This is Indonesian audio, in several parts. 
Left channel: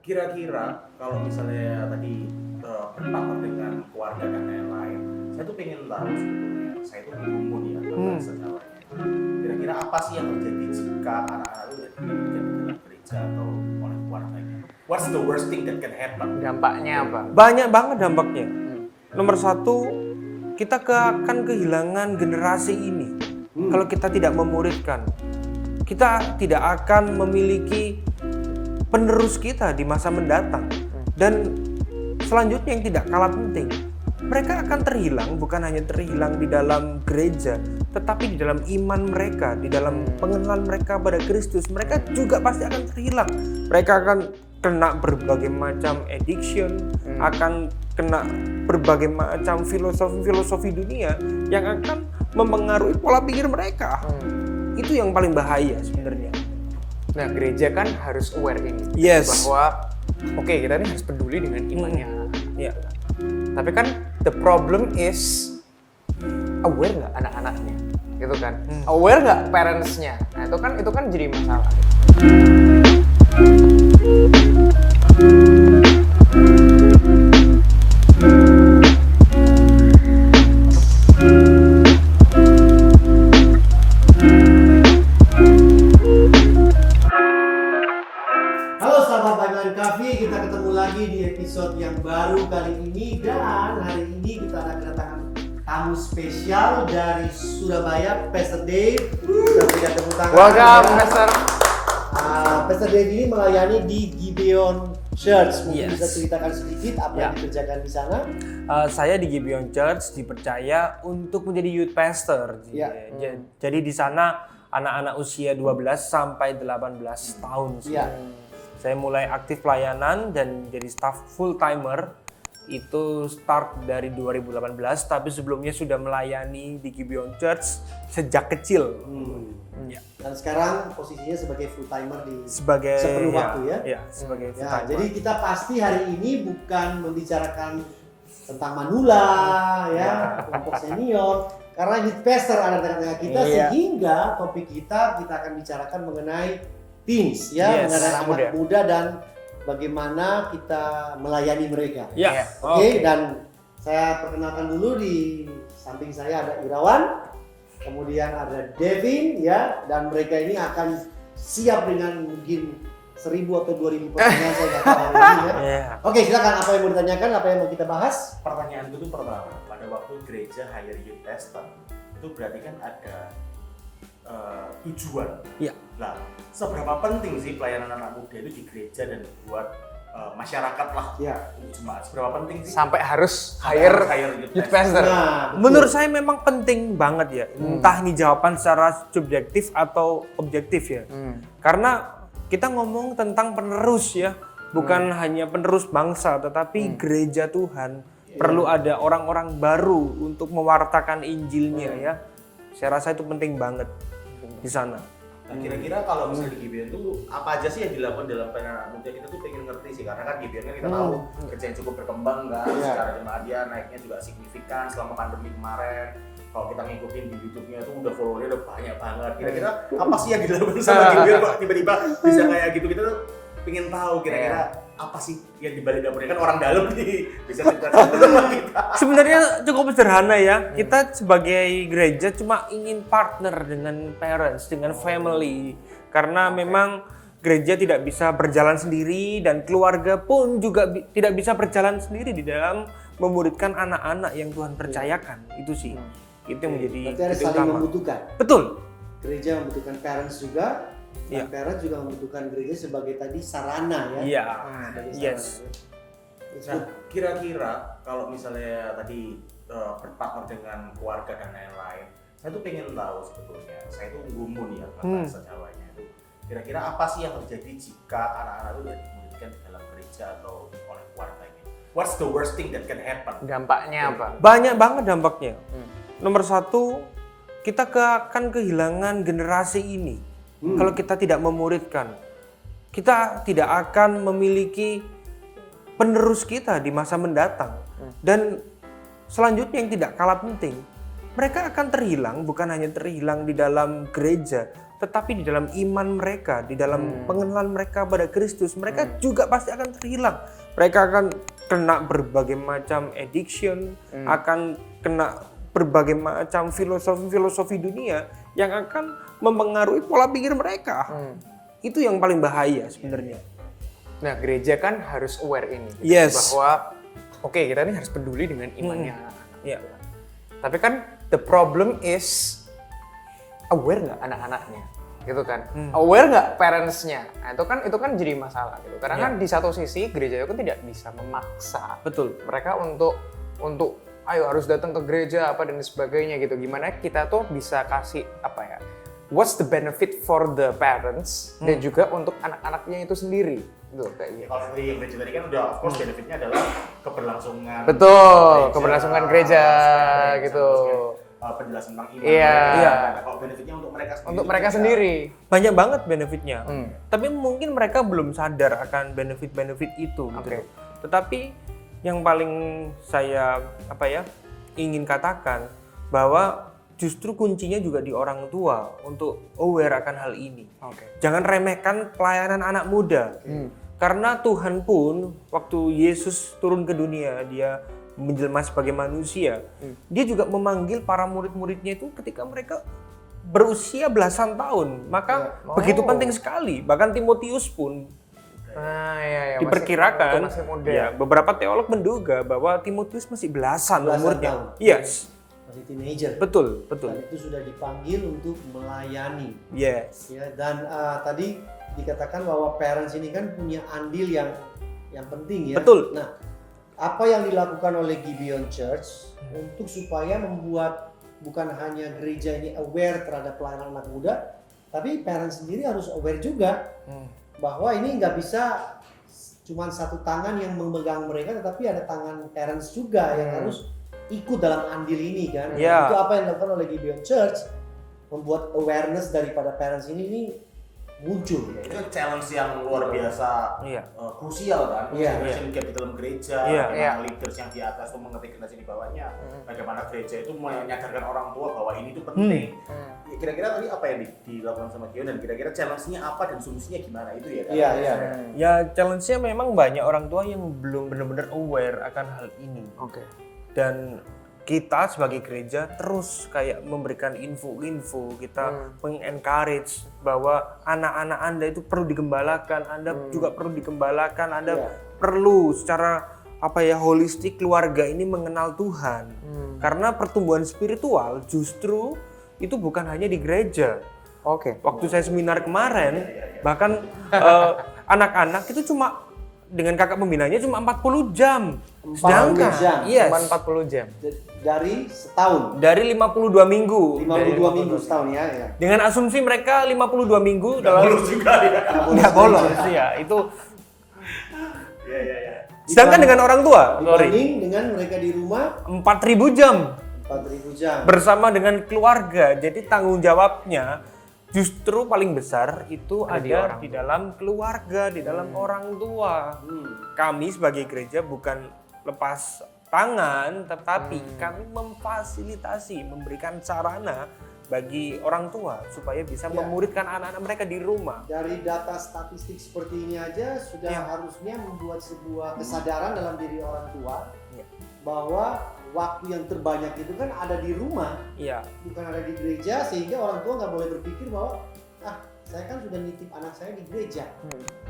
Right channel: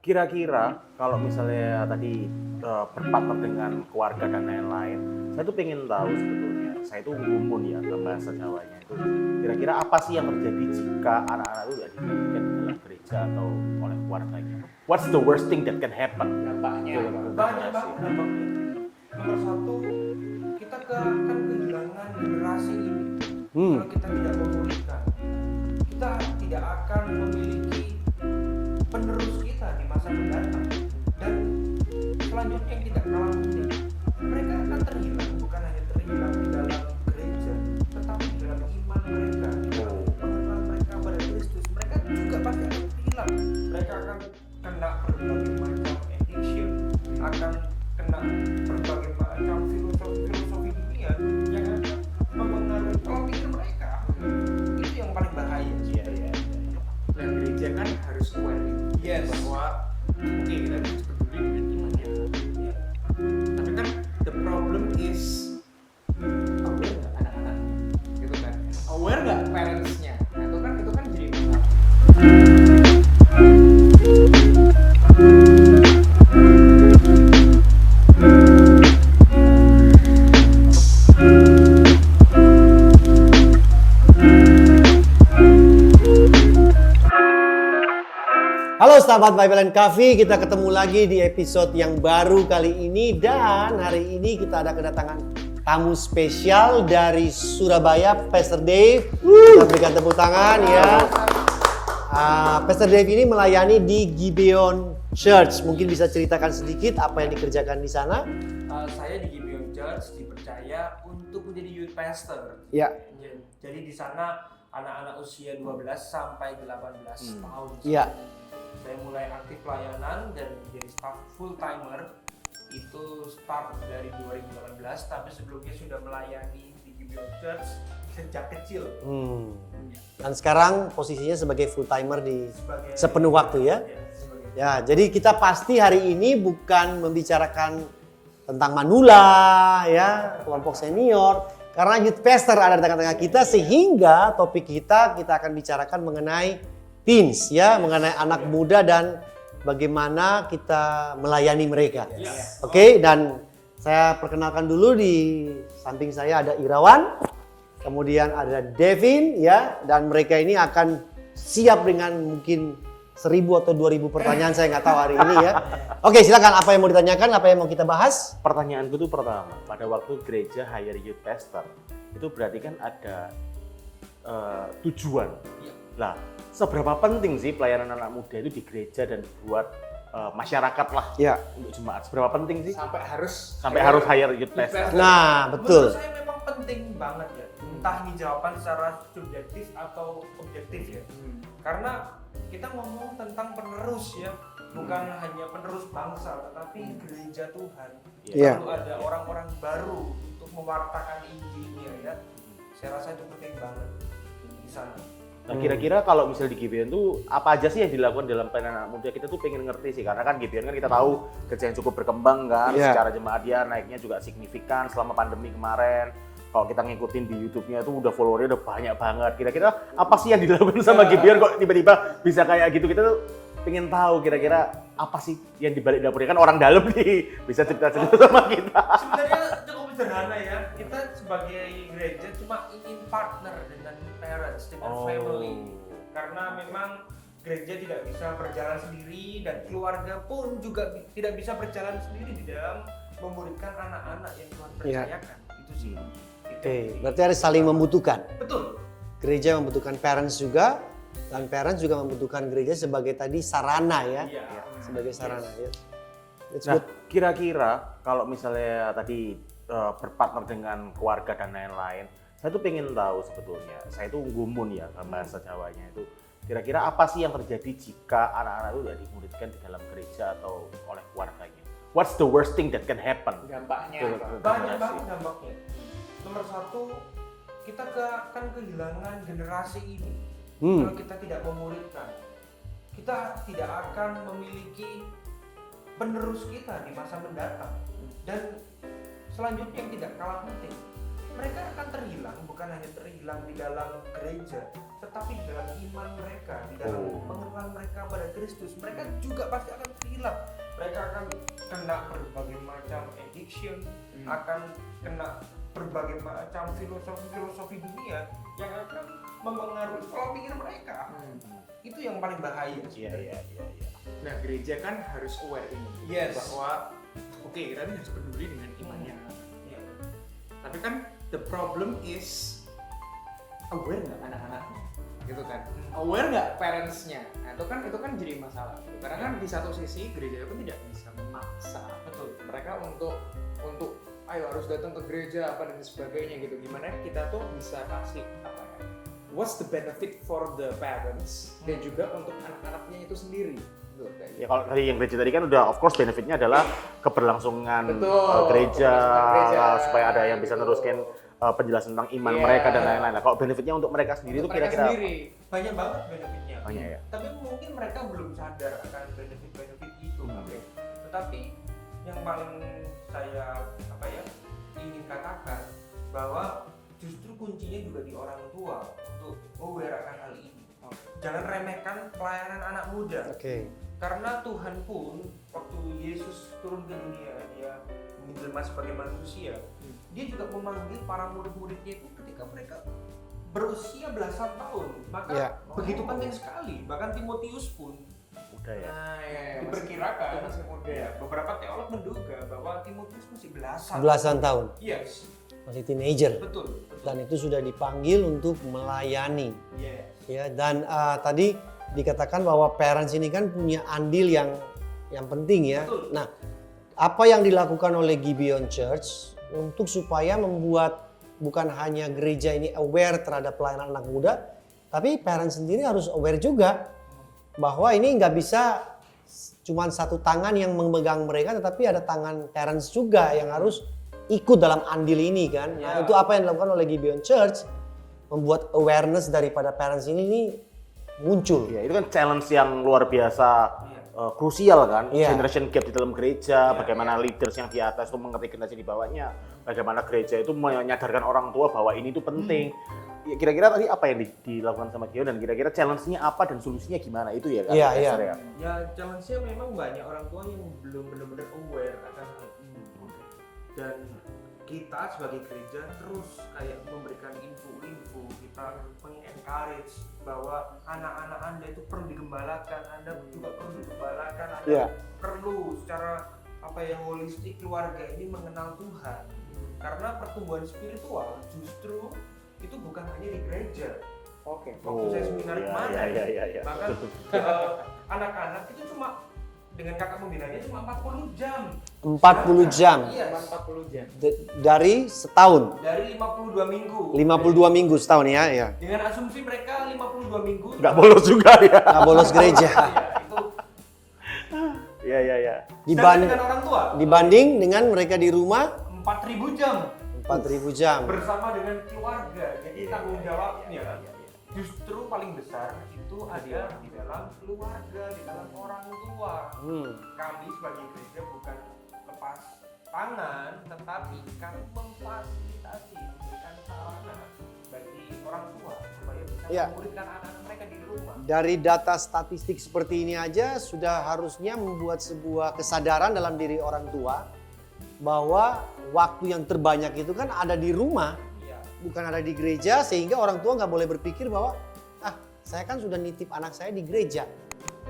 Kira-kira kalau misalnya tadi berpartner dengan keluarga dan lain-lain, saya tuh pengen tahu sebetulnya, saya tuh mumpuni ya dalam bahasa Jawanya itu. Kira-kira apa sih yang terjadi jika anak-anak itu tidak dididik di dalam gereja atau oleh keluarganya? What's the worst thing that can happen? Dampaknya apa? Banyak banget dampaknya. Nomor satu, kita akan kehilangan generasi ini. Kalau kita tidak memuridkan, kita tidak akan memiliki penerus kita di masa mendatang. Dan selanjutnya yang tidak kalah penting, mereka akan terhilang, bukan hanya terhilang di dalam gereja, tetapi di dalam iman mereka, di dalam pengenalan mereka pada Kristus. Mereka juga pasti akan terhilang. Mereka akan kena berbagai macam addiction, akan kena berbagai macam filosofi dunia yang akan memengaruhi pola pikir mereka. Itu yang paling bahaya sebenarnya. Nah, gereja kan harus aware ini. Yes. Bahwa oke, kita ini harus peduli dengan imannya. Ya. Tapi kan the problem is aware nggak anak-anaknya, gitu kan? Aware nggak parentsnya? Nah, itu kan jadi masalah. Halo sahabat Bible and Coffee, kita ketemu lagi di episode yang baru kali ini. Dan hari ini kita ada kedatangan tamu spesial dari Surabaya, Pastor Dave. Kita berikan tepuk tangan. Welcome, Pastor. Pastor Dave ini melayani di Gibeon Church. Mungkin Yes. bisa ceritakan sedikit apa yang dikerjakan di sana? Saya di Gibeon Church dipercaya untuk menjadi youth pastor. Ya. Jadi di sana anak-anak usia 12 sampai 18 tahun. Iya. Saya mulai aktif pelayanan dan jadi staff full timer itu start dari 2018, tapi sebelumnya sudah melayani di Gibeon Church sejak kecil. Ya. Dan sekarang posisinya sebagai full timer di Sebagai sepenuh waktu ya? Ya, sebagai full Ya, timer. jadi kita pasti hari ini bukan membicarakan tentang manula ya, kelompok senior, karena youth pastor ada di tengah-tengah kita, Iya. sehingga topik kita akan bicarakan mengenai teens ya, Yes, mengenai anak muda dan bagaimana kita melayani mereka. Ya. Oke, dan saya perkenalkan dulu, di samping saya ada Irawan, kemudian ada Devin ya, dan mereka ini akan siap dengan mungkin 1000 atau 2000 pertanyaan, saya nggak tahu hari ini ya. Iya. Oke, silakan, apa yang mau ditanyakan, apa yang mau kita bahas? Pertanyaanku tuh pertama, pada waktu gereja hire youth pastor, itu berarti kan ada tujuan. Ya. Lah, seberapa penting sih pelayanan anak muda itu di gereja dan buat masyarakat lah, Ya. untuk jemaat? Seberapa penting sih? Sampai harus Sampai harus hire youth youth pastor. pastor. Nah, betul. Menurut saya memang penting banget ya. Entah ini jawaban secara subjektif atau objektif ya. Karena kita ngomong tentang penerus ya, bukan hanya penerus bangsa, tetapi gereja Tuhan. Perlu ada orang-orang baru untuk mewartakan Injilnya ya. Saya rasa itu penting banget di sana. Nah, kira-kira kalau misalnya di Gibeon tuh apa aja sih yang dilakukan dalam pelayanan anak muda? Kita tuh pengen ngerti sih, karena kan Gibeon kan kita tahu kerja yang cukup berkembang kan, Iya. secara jemaat dia naiknya juga signifikan selama pandemi kemarin. Kalau kita ngikutin di YouTube-nya tuh udah followernya udah banyak banget. Kira-kira apa sih yang dilakukan sama Gibeon kok tiba-tiba bisa kayak gitu? Kita tuh pengen tahu kira-kira apa sih yang dibalik dapurnya, kan orang dalam nih, bisa cerita sama kita. Sebenarnya cukup sederhana ya. Kita sebagai gereja cuma ingin partner dengan parents, dengan family. Karena memang gereja tidak bisa berjalan sendiri dan keluarga pun juga tidak bisa berjalan sendiri di dalam memuridkan anak-anak yang Tuhan percayakan. Itu sih. Itu yang menjadi Berarti ada titik saling utama. membutuhkan. Betul. Gereja membutuhkan parents juga, dan Iya. parents juga membutuhkan gereja sebagai tadi sarana ya. Iya. Sebagai sarana. Yes. Ya. It's Nah, good. kira-kira kalau misalnya tadi berpartner dengan keluarga dan lain-lain, saya tuh pengen tahu sebetulnya, saya tuh gumun ya bahasa Jawanya itu. Kira-kira apa sih yang terjadi jika anak-anak itu tidak dimuridkan di dalam gereja atau oleh keluarganya? What's the worst thing that can happen? Dampaknya apa? Banyak banget dampaknya. Nomor satu, kita akan kehilangan generasi ini. Kalau kita tidak memuridkan, kita tidak akan memiliki penerus kita di masa mendatang. Dan selanjutnya yang tidak kalah penting, mereka akan terhilang, bukan hanya terhilang di dalam gereja, tetapi di dalam iman mereka, di dalam pengenalan mereka pada Kristus, mereka juga pasti akan terhilang. Mereka akan kena berbagai macam addiction, akan kena berbagai macam filosofi dunia yang akan mempengaruhi pola pikir mereka. Itu yang paling bahaya sebenarnya. Nah, gereja kan harus aware ini. Yes. Bahwa oke, kita ini harus peduli dengan imannya. Ya. Tapi kan the problem is aware nggak anak-anaknya, gitu kan? Aware nggak parentsnya? Nah, itu kan jadi masalah, gitu. Karena kan di satu sisi gereja itu kan tidak bisa memaksa Betul. mereka untuk ayo harus datang ke gereja apa dan sebagainya gitu. Gimana kita tuh bisa kasih apa ya? What's the benefit for the parents dan juga untuk anak-anaknya itu sendiri, gitu kayak Ya, gitu. kalau tadi yang gereja tadi kan udah of course benefitnya adalah keberlangsungan Betul, keberlangsungan gereja, supaya ada yang bisa gitu. meneruskan penjelasan tentang iman Iya. mereka. Iya. Nah, kalau benefitnya untuk mereka sendiri. Untuk itu mereka kira-kira sendiri. Banyak banget benefitnya. Tapi mungkin mereka belum sadar akan benefit-benefit itu. Gitu. Oke. Tetapi yang paling saya ingin katakan bahwa justru kuncinya juga di orang tua untuk aware akan hal ini. Oke. Jangan remehkan pelayanan anak muda. Karena Tuhan pun waktu Yesus turun ke dunia, dia menjelma sebagai manusia, dia juga memanggil para murid-muridnya itu ketika mereka berusia belasan tahun. Maka begitu penting sekali. Bahkan Timotius pun Nah, ya, diperkirakan, masih muda. ya, beberapa teolog menduga bahwa Timotius masih belasan Belasan umurnya. tahun. Yes, Masih teenager. betul. Dan itu sudah dipanggil untuk melayani. Yes. Ya, dan tadi dikatakan bahwa parents ini kan punya andil yang penting ya. Betul. Nah, apa yang dilakukan oleh Gibeon Church untuk supaya membuat bukan hanya gereja ini aware terhadap pelayanan anak muda, tapi parents sendiri harus aware juga bahwa ini nggak bisa cuma satu tangan yang memegang mereka, tetapi ada tangan parents juga yang harus ikut dalam andil ini kan. Nah, Ya. itu apa yang dilakukan oleh Gibeon Church, membuat awareness daripada parents ini muncul. Ya, itu kan challenge yang luar biasa, Iya. krusial kan, Iya. generation gap di dalam gereja, Iya, bagaimana leaders yang di atas itu mengerti generasi di bawahnya, bagaimana gereja itu menyadarkan orang tua bahwa ini tuh penting. Ya, kira-kira tadi apa yang dilakukan sama Gideon dan kira-kira challenge-nya apa dan solusinya gimana itu ya kan? Iya, iya. Ya, challenge-nya memang banyak orang tua yang belum benar-benar aware akan hal ini. Oke. Dan kita sebagai gereja terus kayak memberikan info-info, kita mengencourage bahwa anak-anak Anda itu perlu digembalakan, Anda juga perlu digembalakan, Anda Iya. perlu secara holistik keluarga ini mengenal Tuhan. Karena pertumbuhan spiritual justru itu bukan hanya di gereja. Oke. Waktu saya seminar kemarin, bahkan anak-anak itu cuma dengan kakak pembinanya cuma 40 jam. 40 jam. Yes. Cuma 40 jam. Dari setahun, Dari 52 minggu. 52 minggu setahun ya. Dengan asumsi mereka 52 minggu Nggak bolos juga ya. Nggak bolos gereja. Ya, itu Iya. sedangkan dengan orang tua Dibanding dengan mereka di rumah 4.000 jam 4.000 jam. bersama dengan keluarga. Jadi tanggung jawabnya justru paling besar itu ada di dalam keluarga, di dalam orang tua. Kami sebagai gereja bukan lepas tangan, tetapi kami memfasilitasi, memberikan sarana bagi orang tua supaya bisa Ya. memuridkan anak-anak mereka di rumah. Dari data statistik seperti ini aja sudah harusnya membuat sebuah kesadaran dalam diri orang tua bahwa waktu yang terbanyak itu kan ada di rumah, Iya. bukan ada di gereja, sehingga orang tua nggak boleh berpikir bahwa saya kan sudah nitip anak saya di gereja.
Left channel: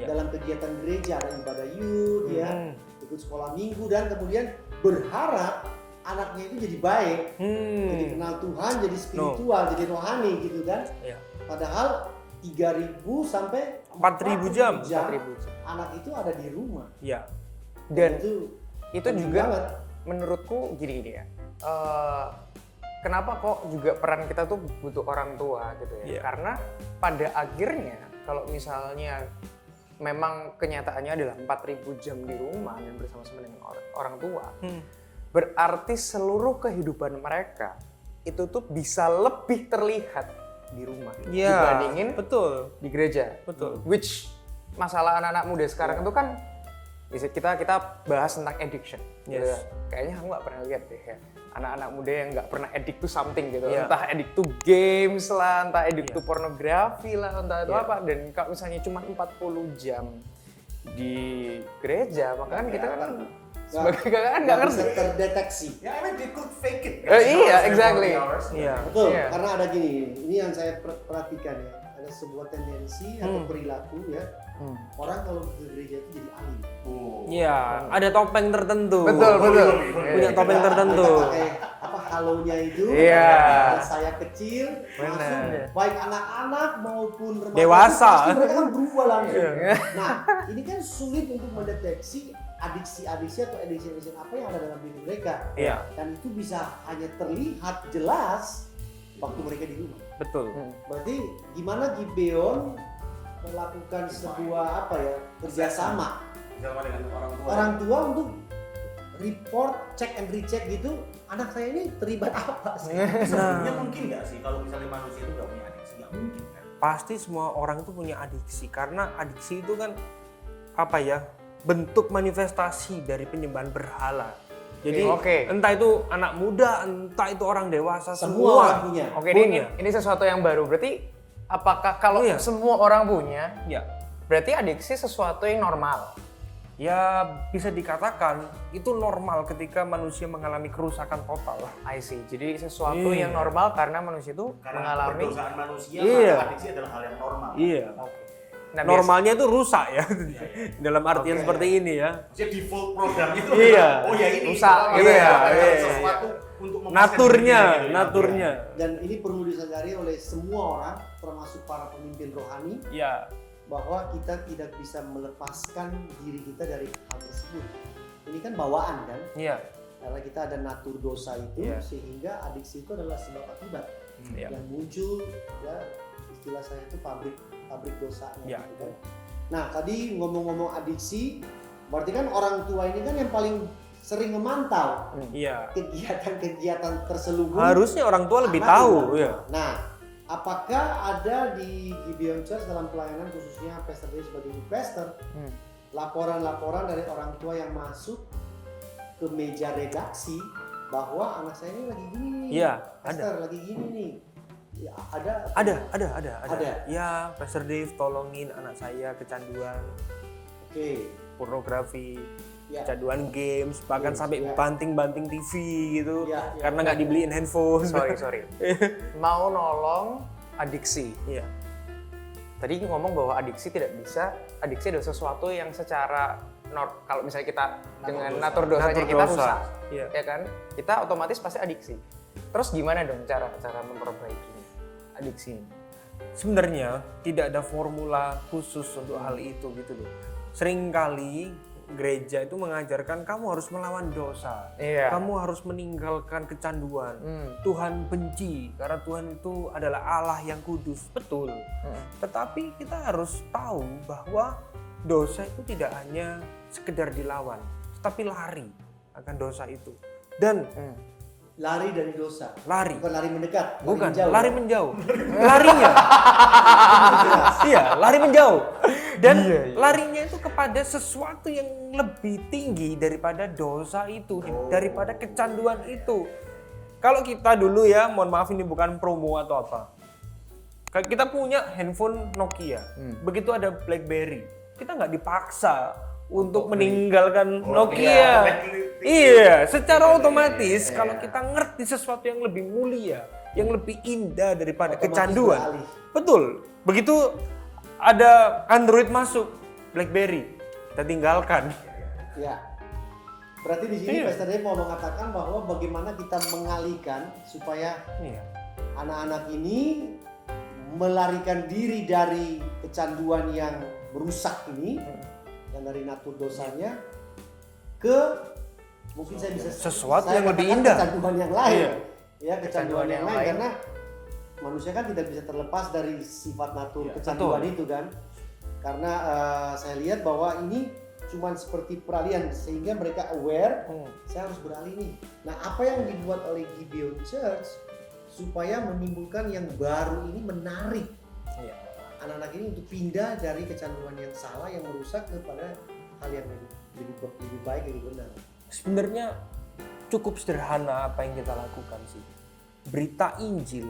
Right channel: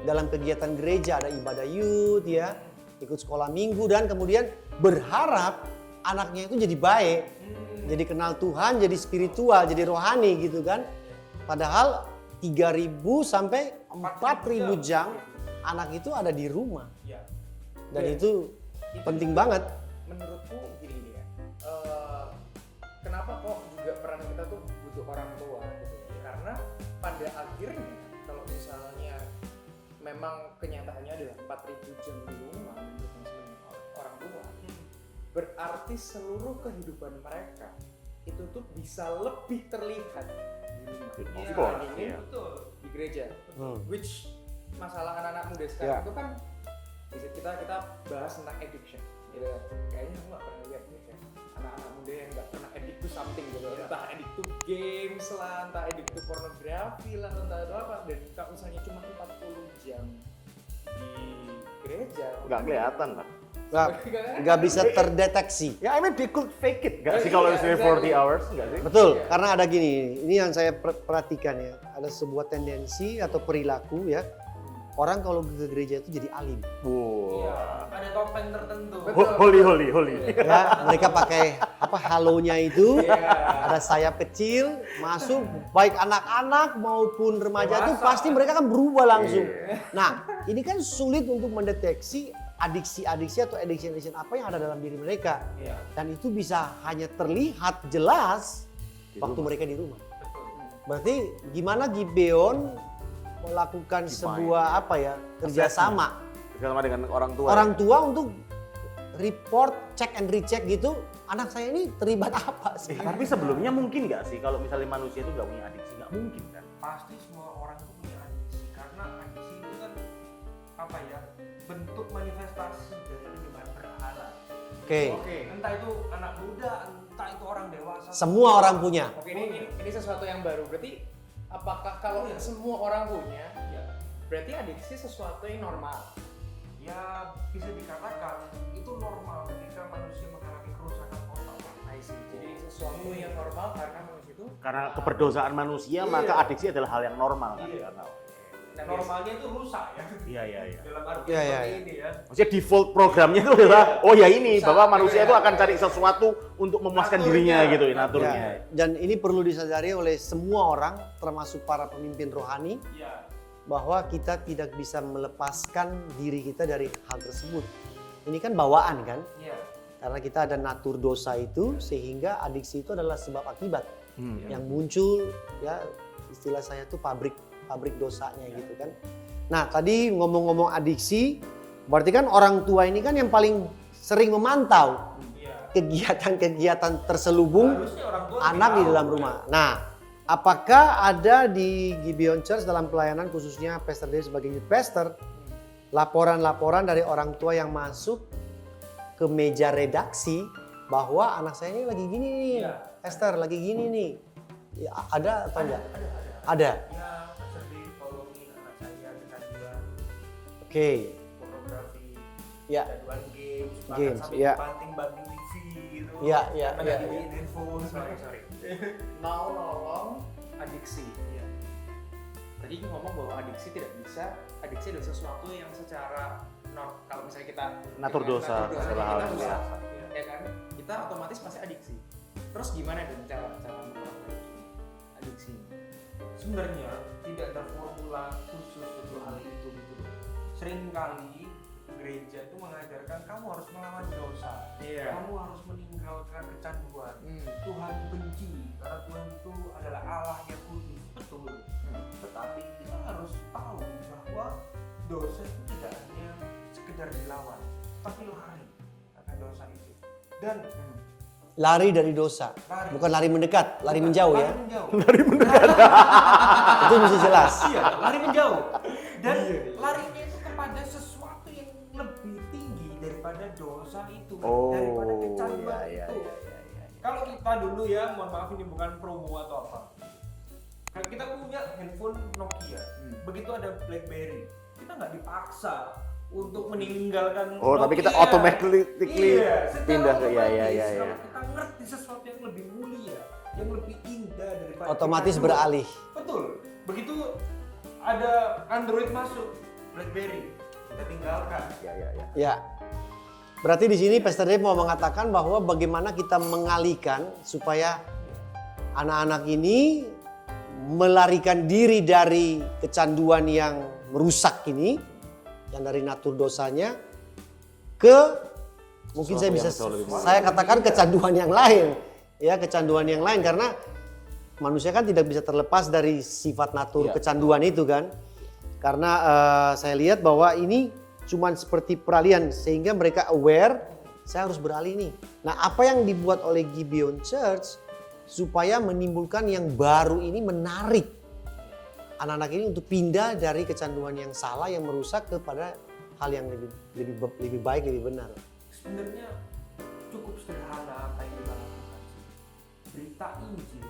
Dalam kegiatan gereja ada ibadah youth ya, ikut sekolah minggu dan kemudian berharap anaknya itu jadi baik, jadi kenal Tuhan, jadi spiritual, jadi rohani gitu kan. Iya. Padahal 3.000 sampai 4.000 jam anak itu ada di rumah. Iya. Dan itu penting juga banget. menurutku gini ya. Kenapa kok juga peran kita tuh butuh orang tua gitu ya? Iya. Karena pada akhirnya kalau misalnya memang kenyataannya adalah 4.000 jam di rumah dan bersama-sama dengan orang tua, berarti seluruh kehidupan mereka itu tuh bisa lebih terlihat di rumah Iya. dibandingin Betul. di gereja. Betul. Which masalah anak-anak muda sekarang itu kan kita bahas tentang addiction. Yes. Gitu ya. Kayaknya aku nggak pernah lihat deh ya. Anak-anak muda yang nggak pernah addict to something gitu. Yeah. Entah addict to games lah, entah addict to pornografi lah, entah itu Yeah. apa. Dan kalau misalnya cuma 40 jam di gereja, maka Nggak kita kelihatan, Pak. Nggak bisa terdeteksi. Ya, I mean they could fake it. Iya, exactly. Iya. Betul, Iya. karena ada gini, ini yang saya perhatikan ya, ada sebuah tendensi atau perilaku ya, orang kalau ke gereja itu jadi alim. Iya, ada topeng tertentu. Betul. Holy. Punya topeng tertentu. Mereka pakai apa halonya itu, Iya. ada sayap kecil, masuk, baik anak-anak maupun remaja, Dewasa. pasti mereka kan berubah langsung. Iya. Nah, ini kan sulit untuk mendeteksi adiksi-adiksi atau addiction apa yang ada dalam diri mereka. Iya. Dan itu bisa hanya terlihat jelas waktu mereka di rumah. Betul. Berarti gimana Gibeon melakukan sebuah apa ya kerjasama Sama dengan orang tua. orang tua untuk report, check and recheck gitu, anak saya ini terlibat apa sih? Tapi sebenarnya mungkin nggak sih kalau misalnya manusia itu nggak punya adiksi? Nggak mungkin kan? Pasti semua orang itu punya adiksi karena adiksi itu kan apa ya? Bentuk manifestasi dari penyembahan berhala. Jadi Oke. entah itu anak muda, entah itu orang dewasa, Semua orang punya. Oke, Punya. ini sesuatu yang baru. Berarti apakah kalau Iya. semua orang punya, Ya, berarti adiksi sesuatu yang normal? ya bisa dikatakan itu normal ketika manusia mengalami kerusakan total. I see. Jadi sesuatu Iya. yang normal karena manusia itu Karena mengalami perdosaan manusia, Iya. maka adiksi adalah hal yang normal. Iya. Nah, Normalnya itu rusak ya. Iya. Dalam artian Oke, seperti ini ya. Maksudnya default programnya itu Iya. adalah, oh ya ini, Rusak. bahwa manusia Iya, itu akan cari iya, sesuatu untuk memuaskan Naturnya, dirinya gitu. naturnya. Dan ini perlu disadari oleh semua orang, termasuk para pemimpin rohani, Ya, bahwa kita tidak bisa melepaskan diri kita dari hal tersebut. Ini kan bawaan kan, iya. karena kita ada natur dosa itu, Iya. sehingga adiksi itu adalah sebab akibat Iya. yang muncul, ya istilah saya tuh pabrik dosanya Iya. gitu kan. Nah tadi ngomong-ngomong adiksi, berarti kan orang tua ini kan yang paling sering memantau Iya. kegiatan-kegiatan terselubung Harusnya orang tua lebih anak di tahu. dalam Ya. rumah. Nah, apakah ada di Gibeon Church dalam pelayanan khususnya Pastor Dave sebagai youth pastor, laporan-laporan dari orang tua yang masuk ke meja redaksi bahwa anak saya ini lagi gini nih, Iya, Pastor lagi gini nih. Ya, ada. Ada. Ya, Pastor Dave tolongin anak saya kecanduan Oke. pornografi, Ya. kecanduan games, bahkan Games, sampai ya. banting-banting TV gitu. Ya, ya, karena nggak dibeliin handphone. sorry. Mau nolong adiksi. Iya. Tadi ngomong bahwa adiksi tidak bisa. Adiksi adalah sesuatu yang secara kalau misalnya kita Natur dengan dosa. natur dosanya Natur kita dosa. rusak, Iya. ya kan? Kita otomatis pasti adiksi. Terus gimana dong cara memperbaiki adiksi ini? Sebenarnya tidak ada formula khusus untuk hal itu gitu loh. Seringkali gereja itu mengajarkan kamu harus melawan dosa. Iya. Kamu harus meninggalkan kecanduan. Tuhan benci karena Tuhan itu adalah Allah yang kudus. Betul. Tetapi kita harus tahu bahwa dosa itu tidak hanya sekedar dilawan, tapi lari akan dosa itu. Dan Lari dari dosa. lari. Bukan lari mendekat, lari Bukan, menjauh. Lari ya? menjauh. Itu mesti jelas. Iya, lari menjauh. Dan larinya itu kepada sesuatu yang lebih tinggi daripada dosa itu, daripada kecanduan itu. Kalau kita dulu ya, mohon maaf ini bukan promo atau apa. Kita punya handphone Nokia, begitu ada BlackBerry, kita nggak dipaksa untuk meninggalkan tapi Nokia. kita automatically Iya, secara pindah. otomatis Iya. kalau kita ngerti sesuatu yang lebih mulia, yang lebih indah daripada Otomatis kecanduan. beralih. Betul. Begitu ada Android masuk, BlackBerry, kita tinggalkan. Ya. Berarti di sini Iya. Pastor Dave mau mengatakan bahwa bagaimana kita mengalihkan supaya Iya. anak-anak ini melarikan diri dari kecanduan yang merusak ini, yang dari natur dosanya, ke mungkin saya bisa sesuatu saya yang lebih katakan indah. kecanduan yang lain, ya kecanduan yang lain karena manusia kan tidak bisa terlepas dari sifat natur Iya, kecanduan itu kan, karena saya lihat bahwa ini cuman seperti peralihan sehingga mereka aware, saya harus beralih nih. Nah apa yang dibuat oleh Gibeon Church supaya menimbulkan yang baru ini menarik anak-anak ini untuk pindah dari kecanduan yang salah yang merusak kepada hal yang lebih baik, lebih benar? Sebenarnya cukup sederhana apa yang kita lakukan sih. Berita Injil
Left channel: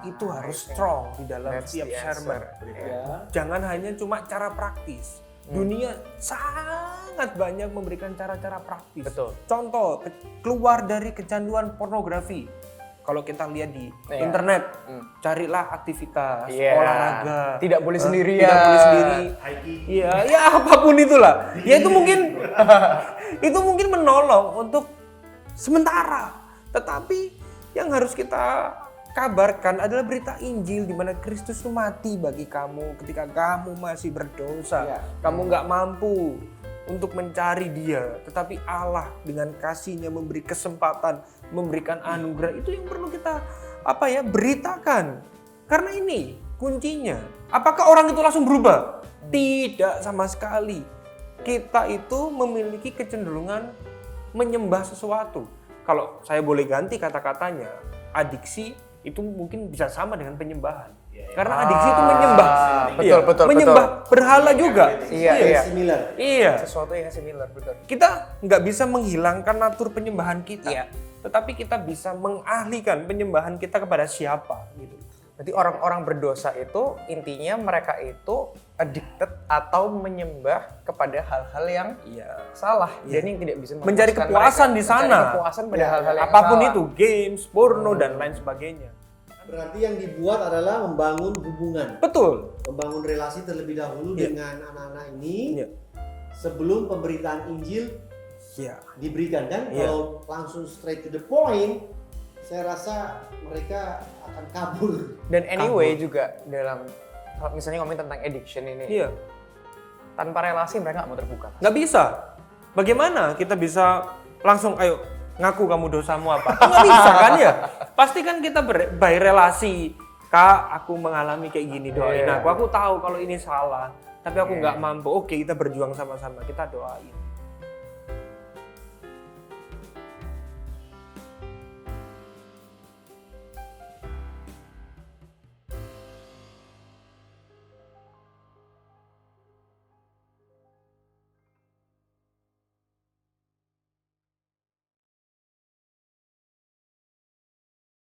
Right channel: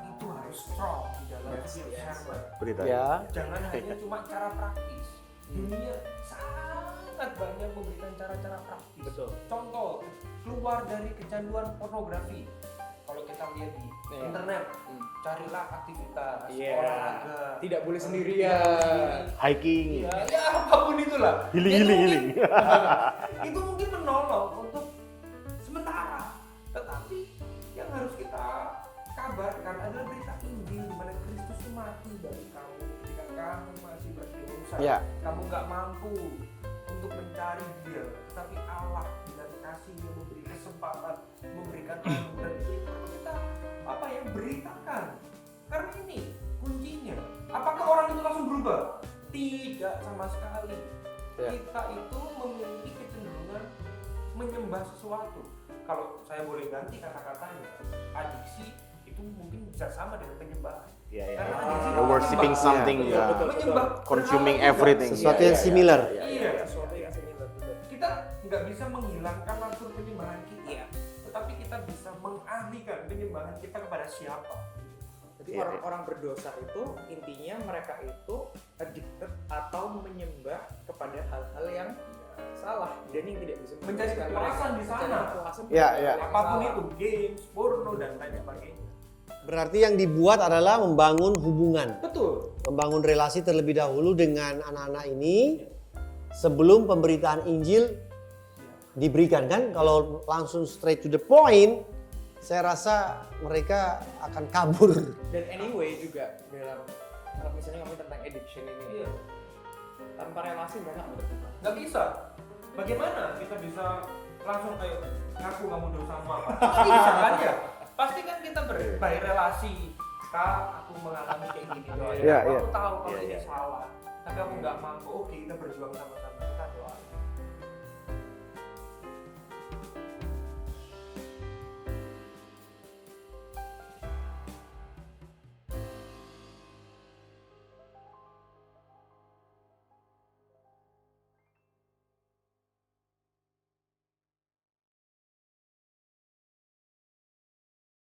itu harus strong di dalam That's setiap the sermon. answer. Berita. Ya. Jangan hanya cuma cara praktis. Dunia sangat banyak memberikan cara-cara praktis. Betul. Contoh, keluar dari kecanduan pornografi. Kalau kita lihat di Iya. internet, carilah aktivitas, Iya. olahraga. Tidak boleh sendirian. Tidak boleh sendiri. Hiking. Iya, ya apapun itulah. Ya itu Gili-gili. mungkin itu mungkin menolong untuk sementara. Tetapi yang harus kita kabarkan adalah berita Injil di mana Kristus itu mati bagi kamu ketika kamu masih berdosa. Ya. Kamu nggak mampu untuk mencari Dia, tetapi Allah dengan kasih-Nya memberi kesempatan, memberikan anugerah. Itu yang perlu kita beritakan. Karena ini kuncinya. Apakah orang itu langsung berubah? Tidak sama sekali. Kita itu memiliki kecenderungan menyembah sesuatu. Kalau saya boleh ganti kata-katanya, adiksi itu mungkin bisa sama dengan penyembahan. Iya, iya. Karena adiksi itu menyembah. something. Iya, Betul, menyembah betul. berhala Consuming juga. everything. Iya, Yang iya. similar. Iya. Sesuatu yang similar, betul. Kita nggak bisa menghilangkan natur penyembahan kita. Iya. Tetapi kita bisa mengalihkan penyembahan kita kepada siapa. Gitu. Jadi orang-orang berdosa itu intinya mereka itu addicted atau menyembah kepada hal-hal yang Iya. salah. Dan yang tidak bisa Mencari memuaskan kepuasan mereka. di sana. Mencari kepuasan pada Ya, hal-hal yang Apapun salah. itu, games, porno dan lain sebagainya. Berarti yang dibuat adalah membangun hubungan, Betul. membangun relasi terlebih dahulu dengan anak-anak ini Iya. sebelum pemberitaan Injil Iya. diberikan kan. Iya. Kalau langsung straight to the point, saya rasa mereka akan kabur. Dan anyway juga dalam kalau misalnya ngomongin tentang addiction ini, Iya. tanpa relasi mereka nggak mau terbuka. Nggak bisa. Bagaimana kita bisa langsung ayo ngaku kamu dosamu apa? Nggak bisa kan ya? Pasti kan kita by relasi. Kak, aku mengalami kayak gini, doain Iya, aku. iya. Aku tahu kalau ini salah, tapi aku nggak mampu. Oke, kita berjuang sama-sama. Kita doain.